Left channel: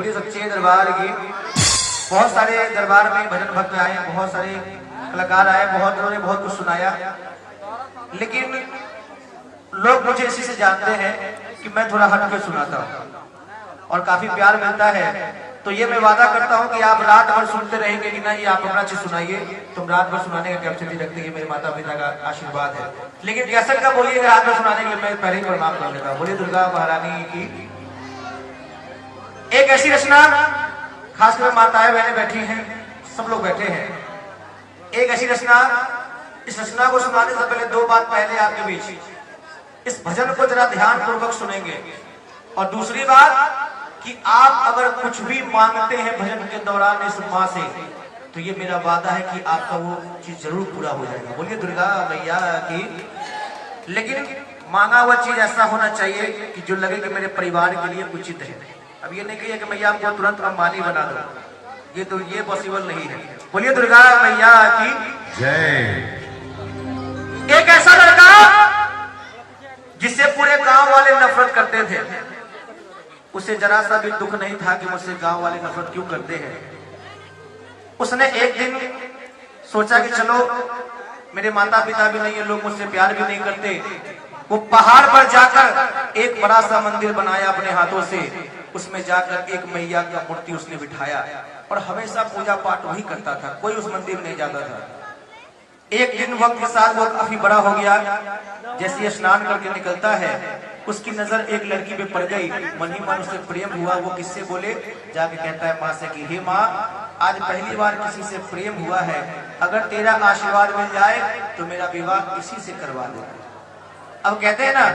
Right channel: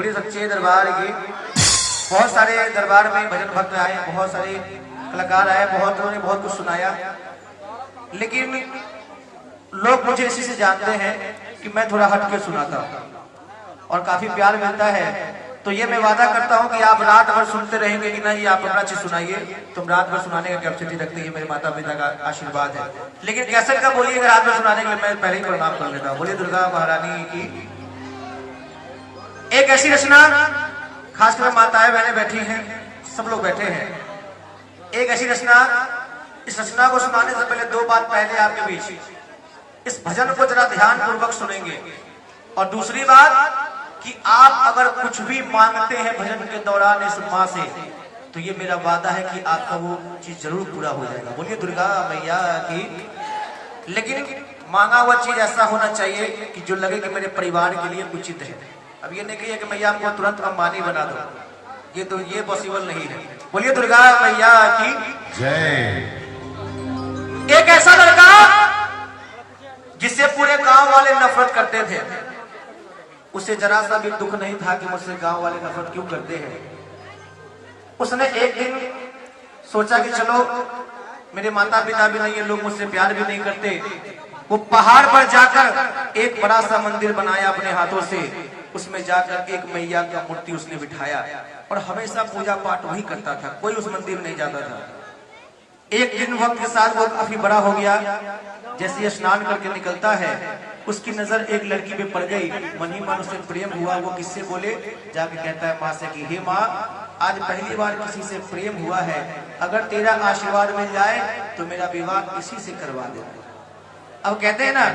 बोलिए सच्चे दरबार की। बहुत सारे दरबार में भजन भक्त आए, बहुत सारे कलाकार आए, बहुत उन्होंने बहुत कुछ सुनाया, लेकिन लोग मुझे इसी से जानते हैं कि मैं थोड़ा हट के सुनाता हूँ और काफी प्यार मिलता है। तो ये मैं वादा करता हूँ कि आप रात भर सुनते रहेंगे कि नहीं आप अपना चीज सुनाइए, तुम रात भर सुनाने का कैपेसिटी रखते हैं, मेरे माता पिता का आशीर्वाद है। लेकिन कैसेट का बोलिए रात भर सुनाने के लिए मैं पहले ही प्रणाम कर लेता हूँ। बोलिए दुर्गा महारानी की। एक ऐसी रचना, खासकर माताएं बहनें बैठी हैं, सब लोग बैठे हैं, एक ऐसी रचना, इस रचना को सुनाने से पहले दो बात पहले आपके बीच इस भजन को जरा ध्यान पूर्वक सुनेंगे। और दूसरी बात कि आप अगर कुछ भी मांगते हैं भजन के दौरान इस मां से, तो ये मेरा वादा है कि आपका वो चीज जरूर पूरा हो जाएगा। बोलिए दुर्गा मैया की। लेकिन मांगा हुआ चीज ऐसा होना चाहिए कि जो लगे कि मेरे परिवार के लिए उचित है। अब ये नहीं कहिए कि मैया हमको तुरंत अंबानी बना दो, ये पॉसिबल नहीं है। बोलिए दुर्गा मैया की जय। एक ऐसा लड़का जिससे पूरे गांव वाले नफरत करते थे, उसे जरा सा भी दुख नहीं था कि मुझसे गांव वाले नफरत क्यों करते हैं। उसने एक दिन सोचा कि चलो मेरे माता पिता भी नहीं है, लोग मुझसे प्यार भी नहीं करते। वो पहाड़ पर जाकर एक बड़ा सा मंदिर बनाया अपने हाथों से, उसमें जाकर एक मैया का मूर्ति उसने बिठाया और हमेशा पूजा पाठ वही करता था, कोई उस मंदिर नहीं जाता था। एक दिन वक्त के साथ वो काफी बड़ा हो गया, जैसे ये स्नान करके निकलता है उसकी नजर एक लड़की पे पड़ गई, मन ही मन उससे प्रेम हुआ। वो किससे बोले, जाके कहता है माँ से कि हे माँ, आज पहली बार किसी से प्रेम हुआ है, अगर तेरा आशीर्वाद मिल जाए तो मेरा विवाह इसी से करवा दे। अब कहते हैं ना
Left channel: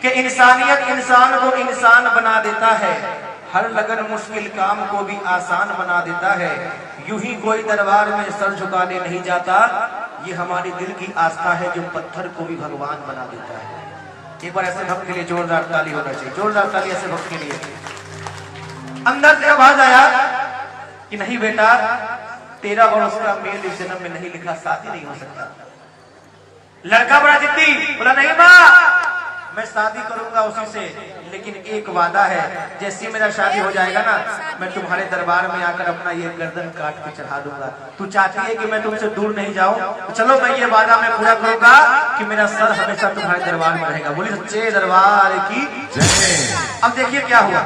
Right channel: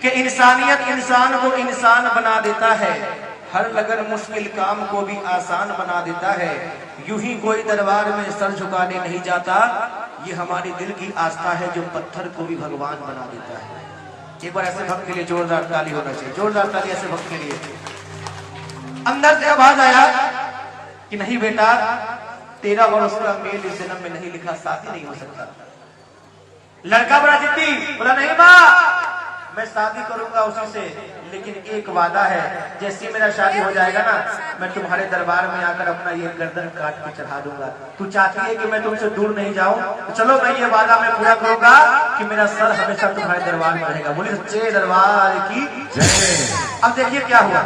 कि इंसानियत इंसान को इंसान बना देता है, हर लगन मुश्किल काम को भी आसान बना देता है, यूं ही कोई दरबार में सर झुकाने नहीं जाता, ये हमारे दिल की आस्था है जो पत्थर को भी भगवान बना देता है। एक बार ऐसे भक्त के लिए जोरदार ताली होना चाहिए, जोरदार ताली ऐसे भक्त के लिए। अंदर से आवाज आया कि नहीं बेटा, तेरा और उसका मेल इस जन्म में नहीं लिखा, शादी नहीं हो सकता। लड़का बड़ा जिद्दी बोला, नहीं माँ मैं शादी करूंगा उसी से, लेकिन एक वादा है, जैसे मेरा शादी हो जाएगा ना, मैं तुम्हारे दरबार में आकर अपना ये गर्दन काट के चढ़ा दूंगा। तू चाहती है कि मैं तुमसे दूर नहीं जाऊं, तो चलो मैं ये वादा मैं पूरा करूंगा कि मेरा सर हमेशा तुम्हारे दरबार में रहेगा। बोलिए सच्चे दरबार की जय। अब देखिए क्या हुआ।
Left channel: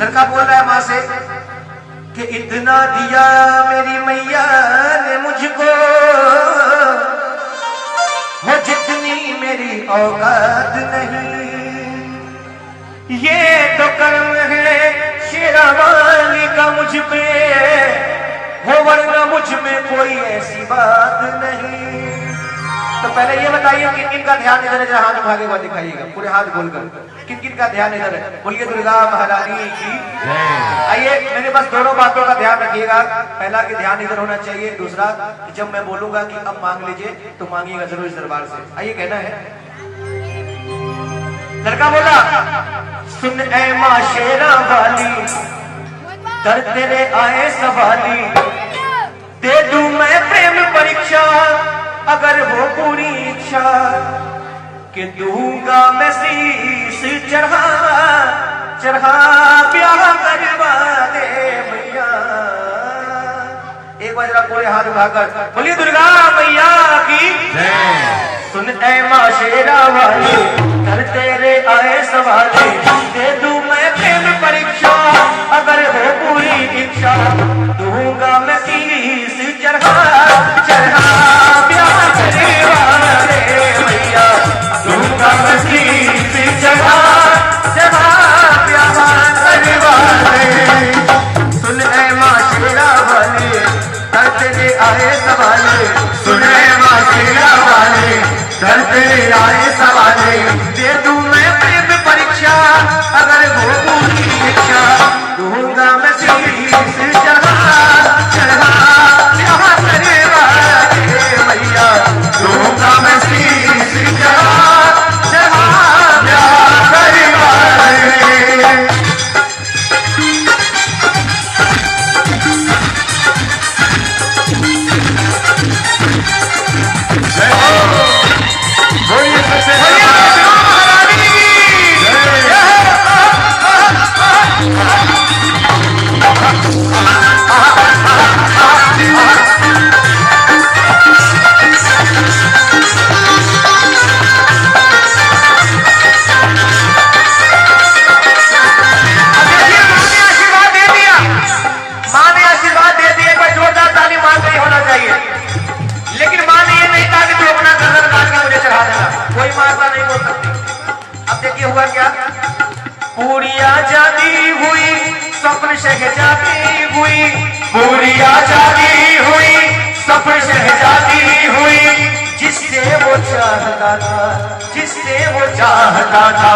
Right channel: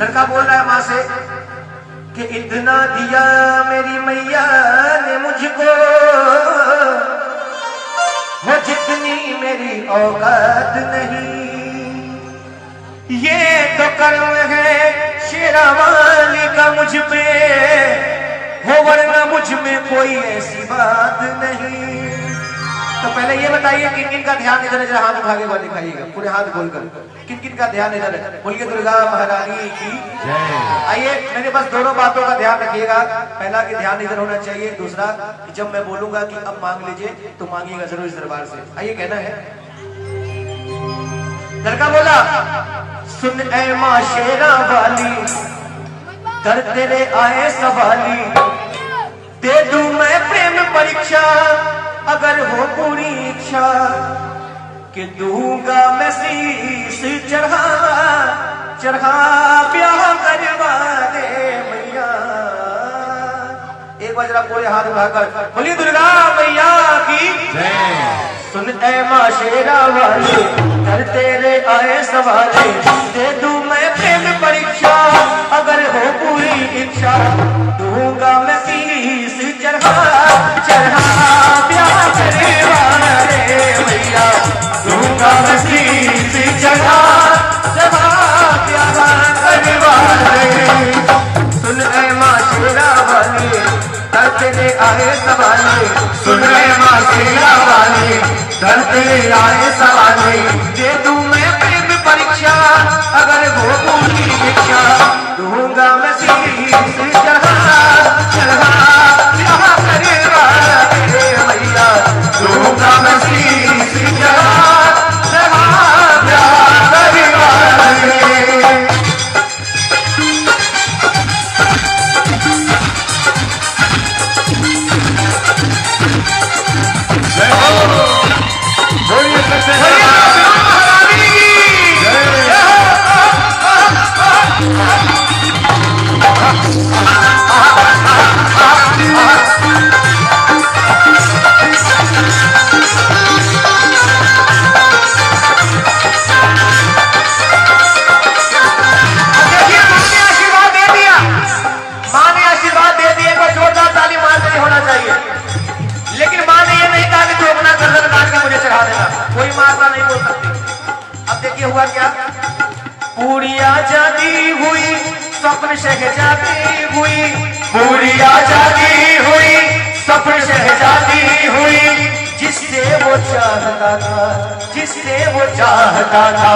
लड़का बोल रहा है माँ से कि इतना दिया मेरी मैया ने मुझको, वो जितनी मेरी औकात नहीं, ये तो कर्म है शेरावाली का मुझ पे, हो वरना मुझ में कोई ऐसी बात नहीं। तो पहले ये बताइए किन किन का ध्यान इधर है, जरा हाथ उठा के बात दिखाइएगा, पूरे हाथ बोलकर किन किन का ध्यान इधर है। बोलिए दुर्गा महारानी की। आइए मेरे पास दोनों बातों का ध्यान रखिएगा, पहला कि ध्यान इधर होना चाहिए, दूसरा कि जब मैं बोलूंगा कि अब मांग लीजिए तो मांगिएगा जरूर इस दरबार से। आइए कहना है। लड़का बोला, सुन ऐ माँ शेरा वाली, कर तेरे आए सवाली, दे दूं मैं प्रेम परीक्षा, अगर हो पूरी इच्छा, कि दूंगा मैं शीश चढ़ा चढ़ा प्यार करवा दे मैया। एक बार जरा पूरे हाथ उठाकर बोलिए दुर्गा मैया की। सुन ऐ माँ शेरा वाली, कर तेरे आए सवाली, दे दूं मैं प्रेम परीक्षा, अगर हो पूरी इच्छा, दूंगा मैं शीश चढ़ा चढ़ा प्यार करवा दे मैया, दूंगा मैं शीश चढ़ा चढ़ा प्यार करवा दे। सुन ऐ माँ शेरा वाली, कर तेरे आए सवाले, सुन ऐ माँ शेरा वाली, कर तेरे आए सवाले, दे दूं मैं प्रेम परीक्षा, अगर वो पूरी इच्छा, दूंगा मैं शीश चढ़ा चढ़ा प्यार करवा दे मैया, दूंगा हुआ क्या? पूरिया जागी हुई स्वप्न शहजादी हुई, पूरिया जागी हुई स्वप्न शहजादी हुई, जिससे वो चाहता था, जिससे वो चाहता था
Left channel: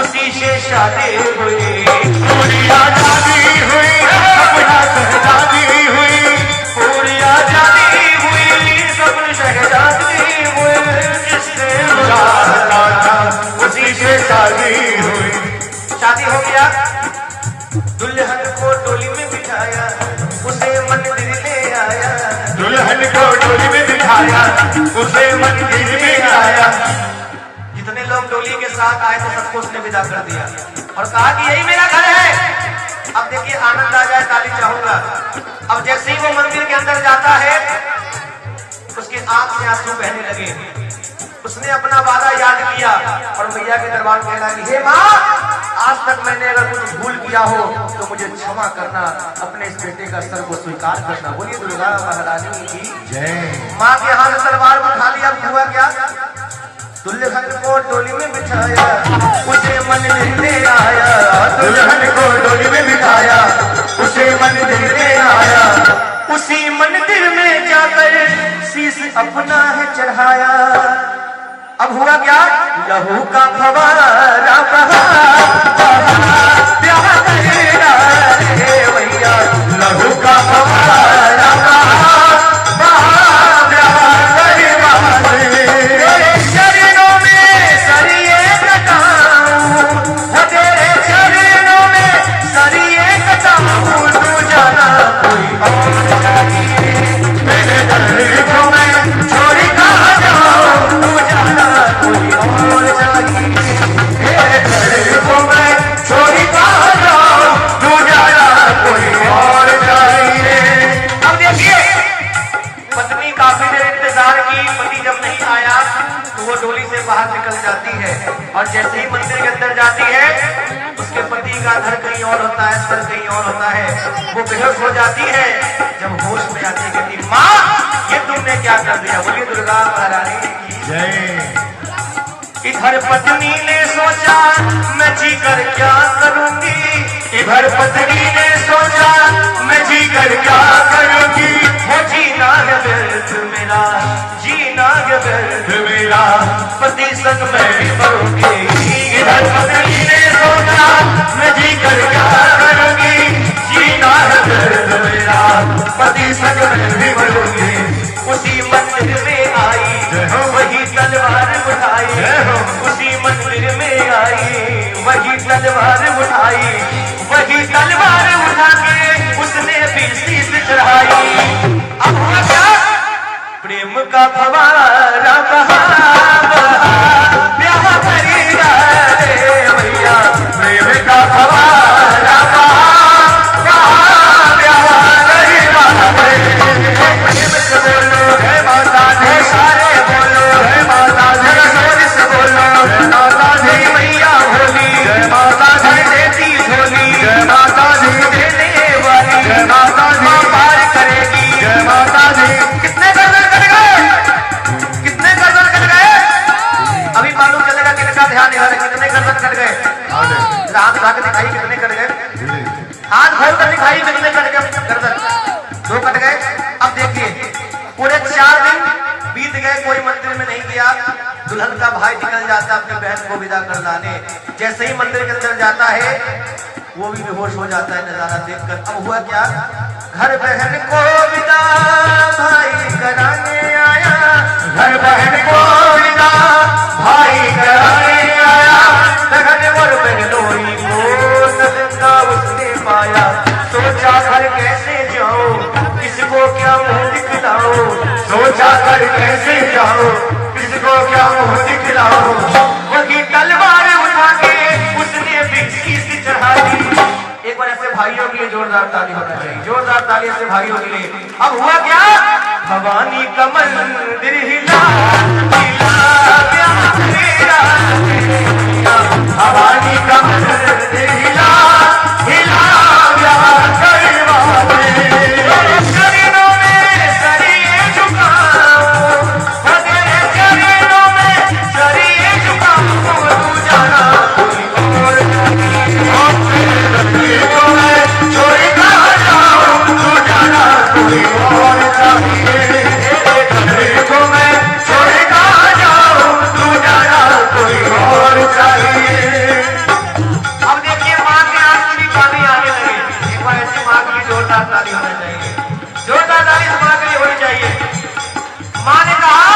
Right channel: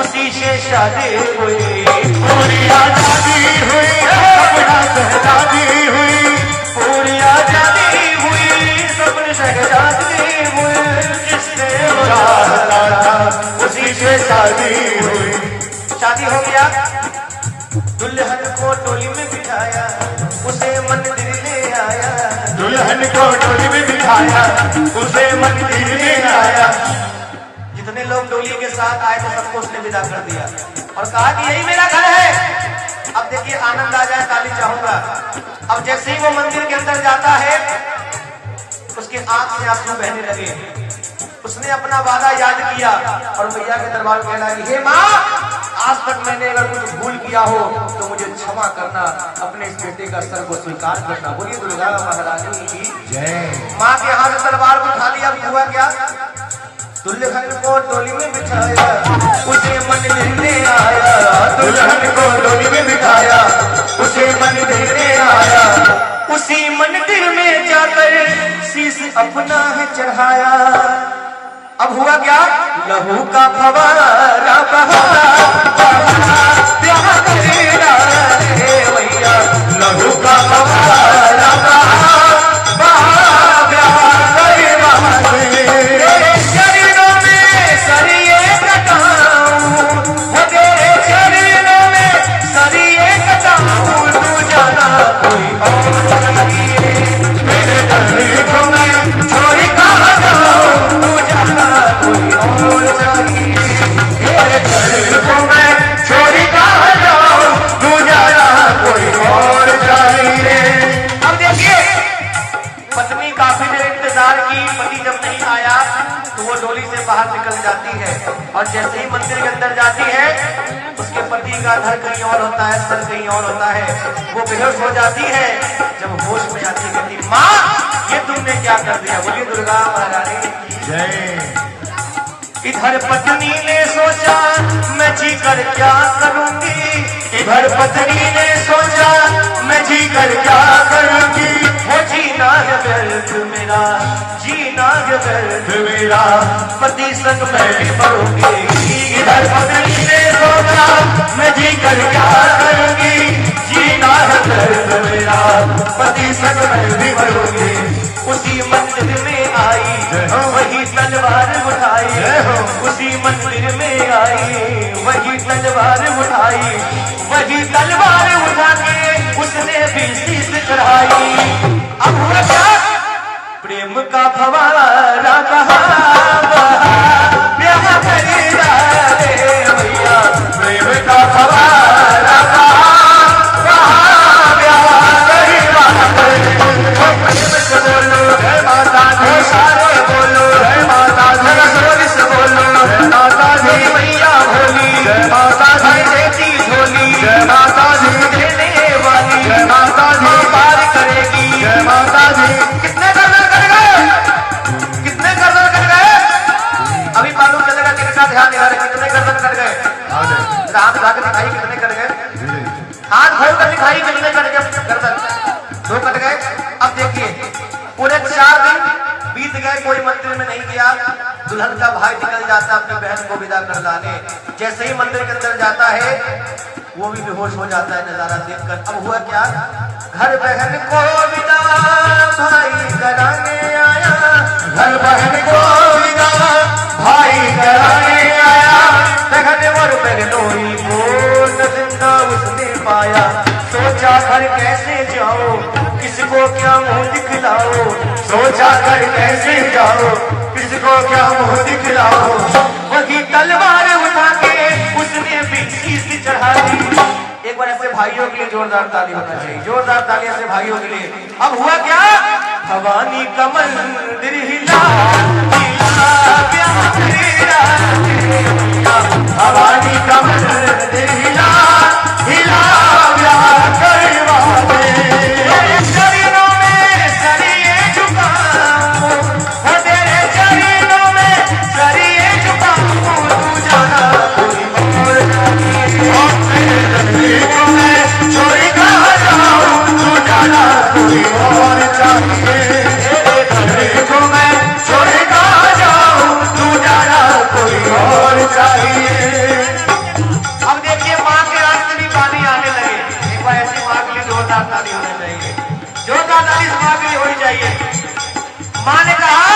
उसी से शादी हुई। पूरिया जागी हुई स्वप्न शहजादी हुई, पूरिया जागी हुई स्वप्न शहजादी हुई, जिससे वो चाहता था उसी से शादी हुई। शादी हो गया, दुल्हन को टोली में बिठाया, उसे मंदिर में आया, दुल्हन को टोली में बिठाया, उसे मंदिर में आया। जितने लोग टोली के साथ आए थे सबको उसने विदा कर दिया और कहा कि यही मेरा घर है। अब देखिए आनंद आ गया, ताली चाहूंगा। अब जैसे ही वो मंदिर के अंदर जाता है उसके आंख से आंसू बहने लगे। उसने अपना वादा याद किया और मैया के दरबार में कहना, हे माँ, आज तक मैंने अगर कुछ भूल किया हो तो मुझे क्षमा करना, अपने इस बेटे का सर को स्वीकार करना। बोलिए दुर्गा महारानी की जय। माँ के हाथ दरबार में उठा लिया। हुआ क्या? दुल्हन को टोली में बिठाया, उसे मंदिर में आया, दुल्हन को टोली में बिठाया, उसे मंदिर में आया, उसी मंदिर में जाकर शीश अपना है चढ़ाया। अब हुआ क्या? लहू का फवारा बहा, प्यार तेरा रे भैया, लहू का फवारा बहा, प्यार तेरा रे। शरीरों में सरिये कटाऊं, तेरे शरीरों में सरिये कटाऊं, तू जाना कोई और चाहिए, मेरे दिल को मैं छोड़ी कहाँ जाऊं, तू जाना कोई और चाहिए, मेरे दिल को मैं छोड़ी कहाँ जाऊं, तू जाना कोई और चाहिए। अब देखिए पत्नी काफी देर इंतजार की, पति जब नहीं आया तो वो डोली से बाहर निकल जाती है और जैसे ही मंदिर के अंदर जाती है उसके पति का घर कहीं और होता है, सर कहीं और होता है। वो बेहोश हो जाती है। जब होश में आती कहती, माँ ये तुमने क्या कर दिया? बोलिए दुर्गा महारानी की जय। इधर पत्नी ने सोचा मैं जी कर क्या करूंगी, इधर पत्नी ने सोचा मैं जी कर क्या करूंगी, वो जीना है दर्द मेरा, जीना है दर्द मेरा, पति संग मैं भी मरूंगी। इधर पत्नी ने सोचा मैं जी कर क्या करूंगी, जीना है दर्द मेरा, पति संग मैं भी मरूंगी। उसी मंदिर में आई वही तलवार उठाई, उसी मंदिर में आई वही तलवार उठाई, वही तलवार उठा के उसने भी शीश चढ़ाई। अब हुआ क्या? प्रेम का फवारा बहा, प्यार तेरा रे भैया, प्रेम का फवारा बहा, प्यार तेरा रे। बोलो है माता दी, सारे बोलो है माता दी, जोर से बोलो माता दी, मैया भोली जय माता दी, देती भोली जय माता दी, देने वाली जय माता दी, पार करेगी जय माता दी। कितने गर्दन कट गए? कितने गर्दन कट गए? अभी मालूम चलेगा किसका ध्यान है। कितने गर्दन कट गए? हाथ उठा के दिखाई कितने कट गए? हाथ खोल कर दिखाई कितने कट गए गर्दन? 2 कट गए। अब देखिए पूरे 4 दिन बीत गए, कोई मंदिर में नहीं गया। दुल्हन का भाई निकल जाता अपनी बहन को विदा कर लाने। जैसे ही मंदिर के अंदर जाता है वो भी बेहोश हो जाता है नजारा देखकर। अब हुआ क्या? घर बहन को विदा भाई कराने आया, घर बहन को विदा कर कैसे जाओ, किसको क्या मुंह दिखलाओ। वही तलवार उठा के उसने भी शीश चढ़ा दी। एक बार ऐसे भाइयों के लिए जोरदार ताली होना चाहिए, जोरदार ताली ऐसे भाइयों के लिए। अब हुआ क्या, भवानी का मंदिर हिला, भवानी का मंदिर हिला, हिला शरीरों में सरिये झुकाओ, शरीरों में सरिये झुकाओ, तू जाना कोई और चोरी कर जाओ, तू जाना कोई और चाहिए। को मैं चोरी कर जाऊं, तू जाना कोई और चाहिए। अब देखिए माँ के आंसू भी पानी आने लगे। एक बार ऐसी माँ के लिए जोरदार ताली होना चाहिए, जोरदार ताली इस माँ के लिए होनी चाहिए। माँ ने कहा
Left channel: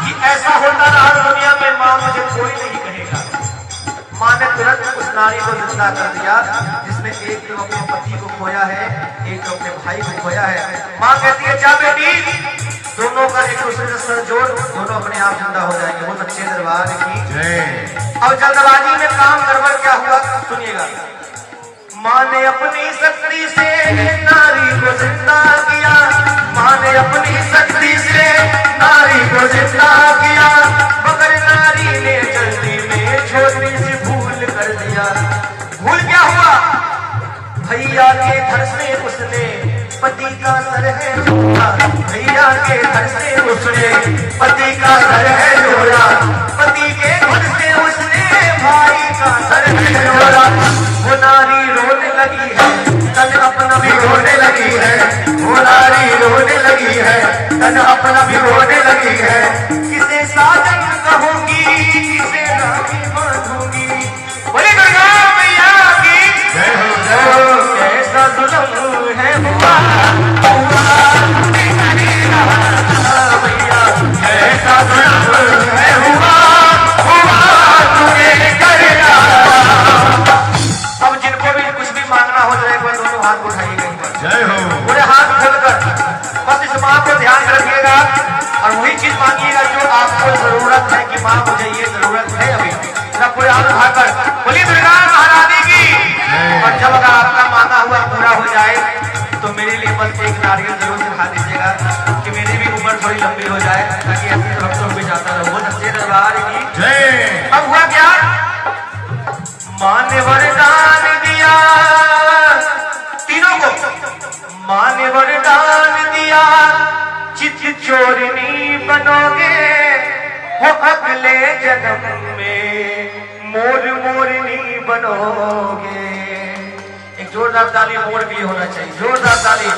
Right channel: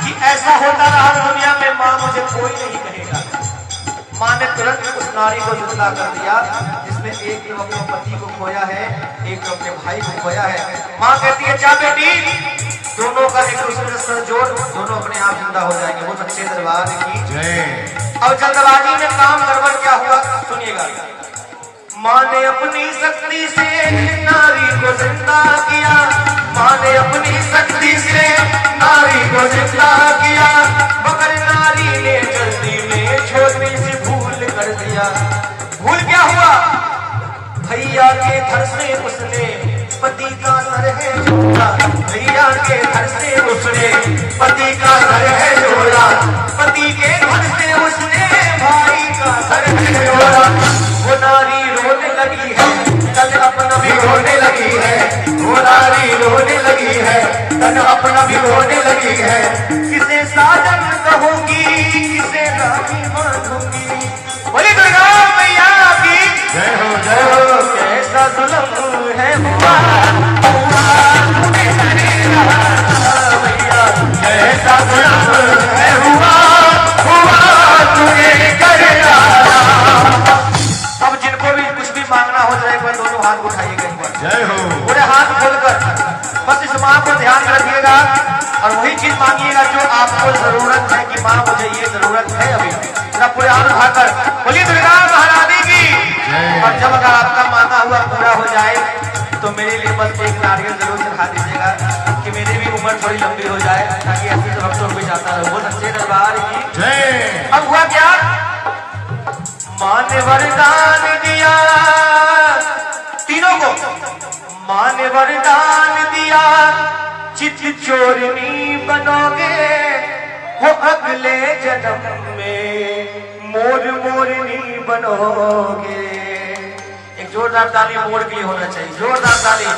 कि ऐसा होता रहा दुनिया में, माँ मुझे कोई नहीं कहेगा। माँ ने तुरंत उस नारी को जिंदा कर दिया जिसने एक तो अपने पति को खोया है, एक तो अपने भाई को खोया है। माँ कहती है जा बेटी, दोनों का एक दूसरे से सर जोड़, दोनों अपने आप जिंदा हो जाएंगे। वो सच्चे दरबार की जय। अब जल्दबाजी में काम गड़बड़ क्या हुआ सुनिएगा। माँ ने अपनी शक्ति से नारी को जिंदा किया, माँ ने अपनी शक्ति से नारी को जिंदा किया, मगर नारी ने जल्दी में छोटी सी भूल कर दिया। भूल क्या हुआ, भैया के घर से उसने पति का सर है जोड़ा, भैया के घर से उसने पति का सर है जोड़ा, पति के घर से उसने भाई का सर है जोड़ा। वो नारी रोने लगी है, तन अपना भी रोने लगी है, वो नारी रोने लगी है, तन अपना भी रोने लगी है। किसे साजन कहूंगी, किसे रानी मानूंगी, बोली दुर्गा मैया की कैसा जुल्म है हुआ, कैसा जुल्म है हुआ, अब जिनको भी कुछ भी मांगना हो जाए कोई दोनों हाथ उठाइएगा, जय हो, पूरे हाथ खोलकर बस इस बात को ध्यान रखिएगा और वही चीज मांगिएगा जो आपको जरूरत है कि मां मुझे ये जरूरत है अभी, पूरा पूरे हाथ उठाकर बोलिए दुर्गा महारानी की। और जब अगर आपका मांगा हुआ पूरा हो जाए तो मेरे लिए बस एक नारियल जरूर दिखा दीजिएगा कि मेरी भी उम्र थोड़ी लंबी हो जाए, ताकि ऐसी भक्तों को जाता रहो। वो सच्चे दरबार की जय। अब हुआ क्या, मां ने वरदान दिया तीनों को, मां ने वरदान दिया चित चोरनी बनोगे वो अगले जन्म में, मोर मोरनी बनोगे। एक जोरदार ताली मोर के लिए होना चाहिए, जोरदार ताली।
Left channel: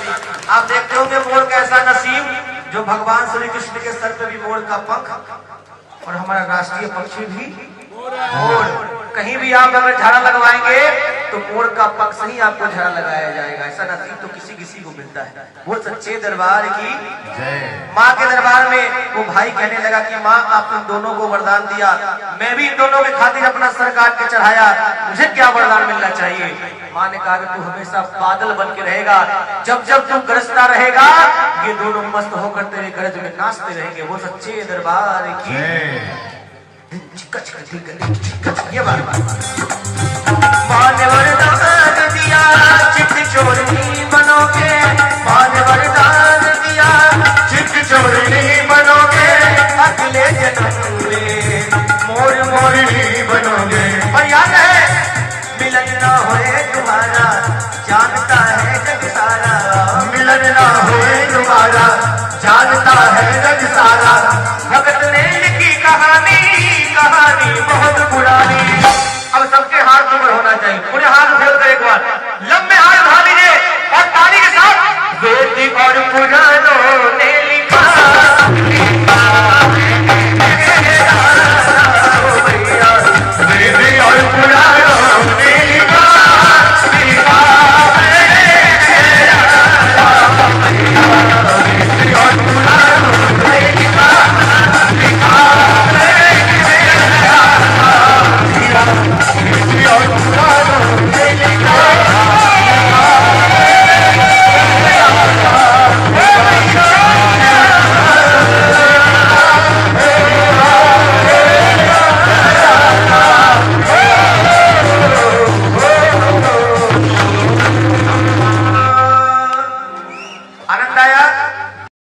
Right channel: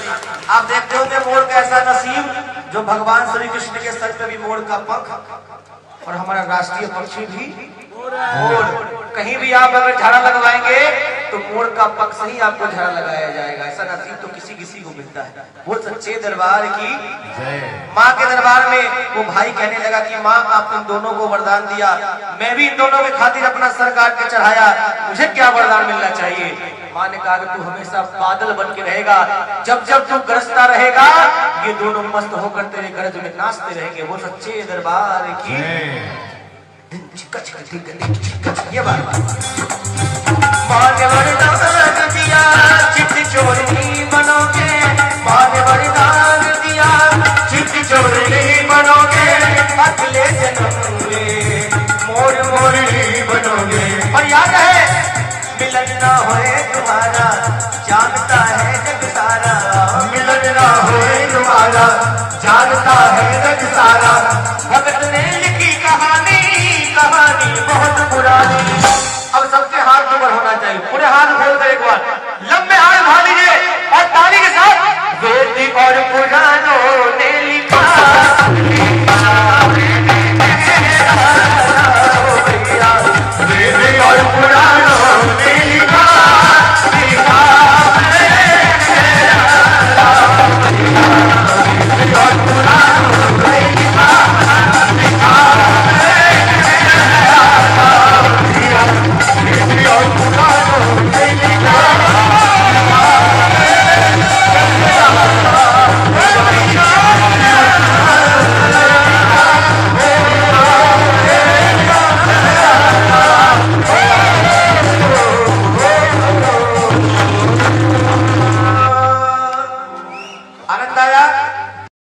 आप देखते होंगे मोर का ऐसा नसीब जो भगवान श्री कृष्ण के सर पे भी मोर का पंख, और हमारा राष्ट्रीय पक्षी भी मोर। कहीं भी आप अगर झाड़ा लगवाएंगे तो मोर का पंख से ही आपको झाड़ा लगाया जाएगा। ऐसा नसीब तो किसी किसी को मिलता है। वो सच्चे दरबार की जय। माँ के दरबार में वो भाई कहने लगा कि माँ आपने दोनों को वरदान दिया, मैं भी इन दोनों के खातिर अपना सर काट के चढ़ाया, मुझे क्या वरदान मिलना चाहिए। माँ ने कहा कि तू हमेशा बादल बन के रहेगा, जब जब तू गरजता रहेगा ये दोनों मस्त होकर तेरे गरज में नाचते रहेंगे। वो सच्चे दरबार की ये बात। माँ ने वरदान दिया चित चोरनी बनोगे, माँ ने वरदान दिया चित चोरनी बनोगे, अगले जन्म में मोर मोरनी बनोगे। और याद है मिलन ना होए तुम्हारा, जानता है जग सारा, मिलन ना होए तुम्हारा, जानता है जग सारा। भगत ने